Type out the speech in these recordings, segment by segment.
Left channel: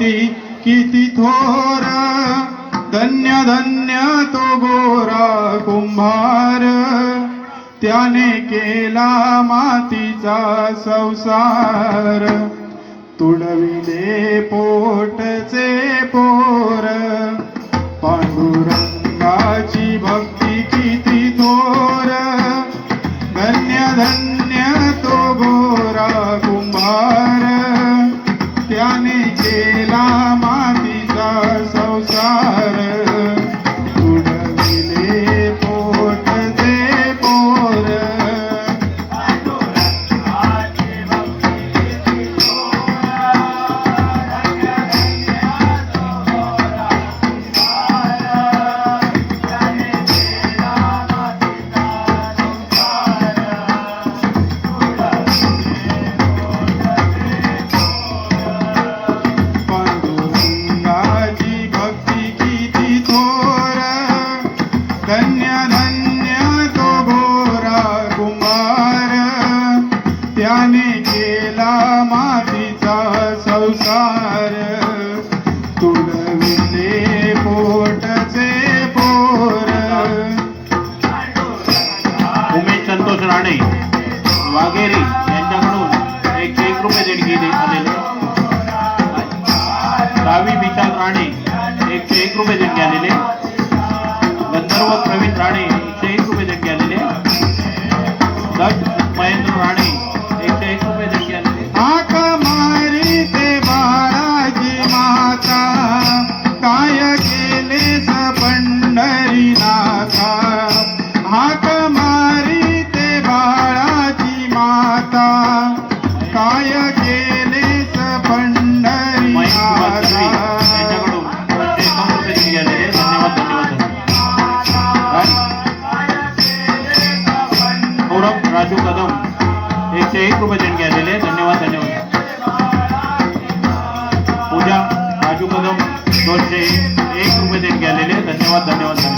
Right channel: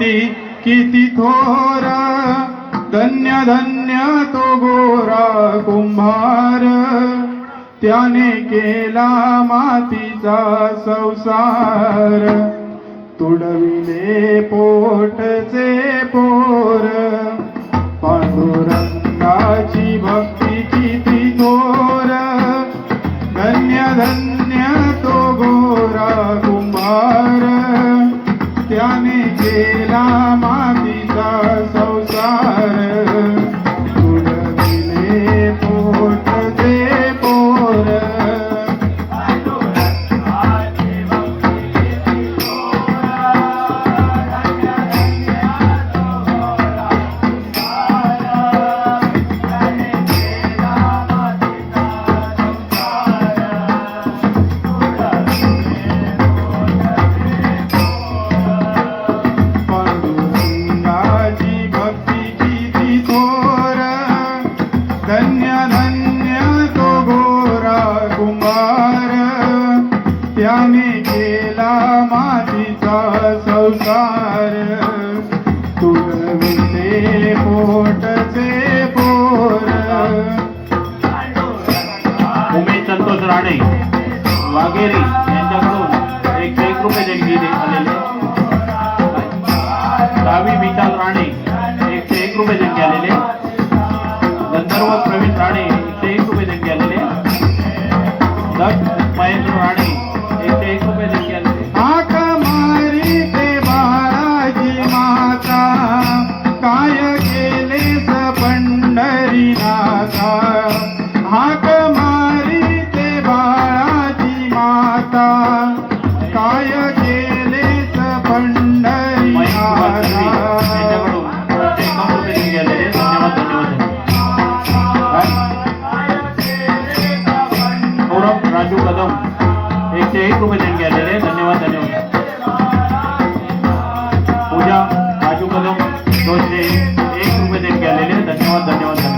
ती किती थोरा धन्य धन्य तो गोरा कुंभार. त्याने केला मातीचा संसार. तुडविले पोटचे पोर. पांडुरंगाची भक्ती किती थोर. धन्य धन्य विशाल राणे एकशे एक रुपये जण आलेले. तेही भोजन केलेले. धन्यवाद धन्यवाद. पूजा आजू कदम दोनशे एक रुपये देत गेलेले धन्यवाद धन्यवाद धन्यवाद.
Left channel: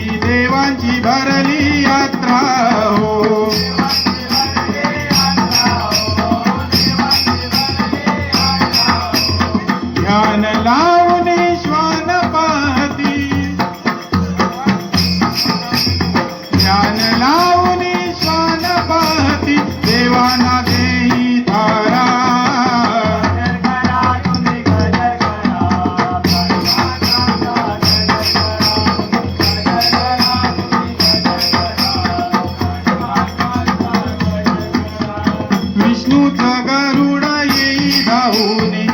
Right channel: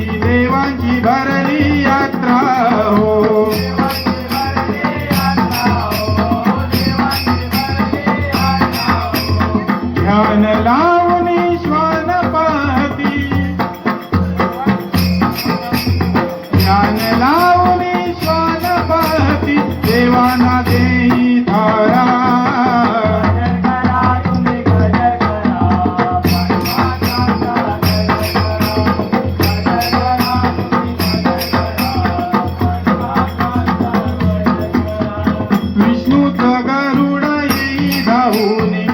তুমি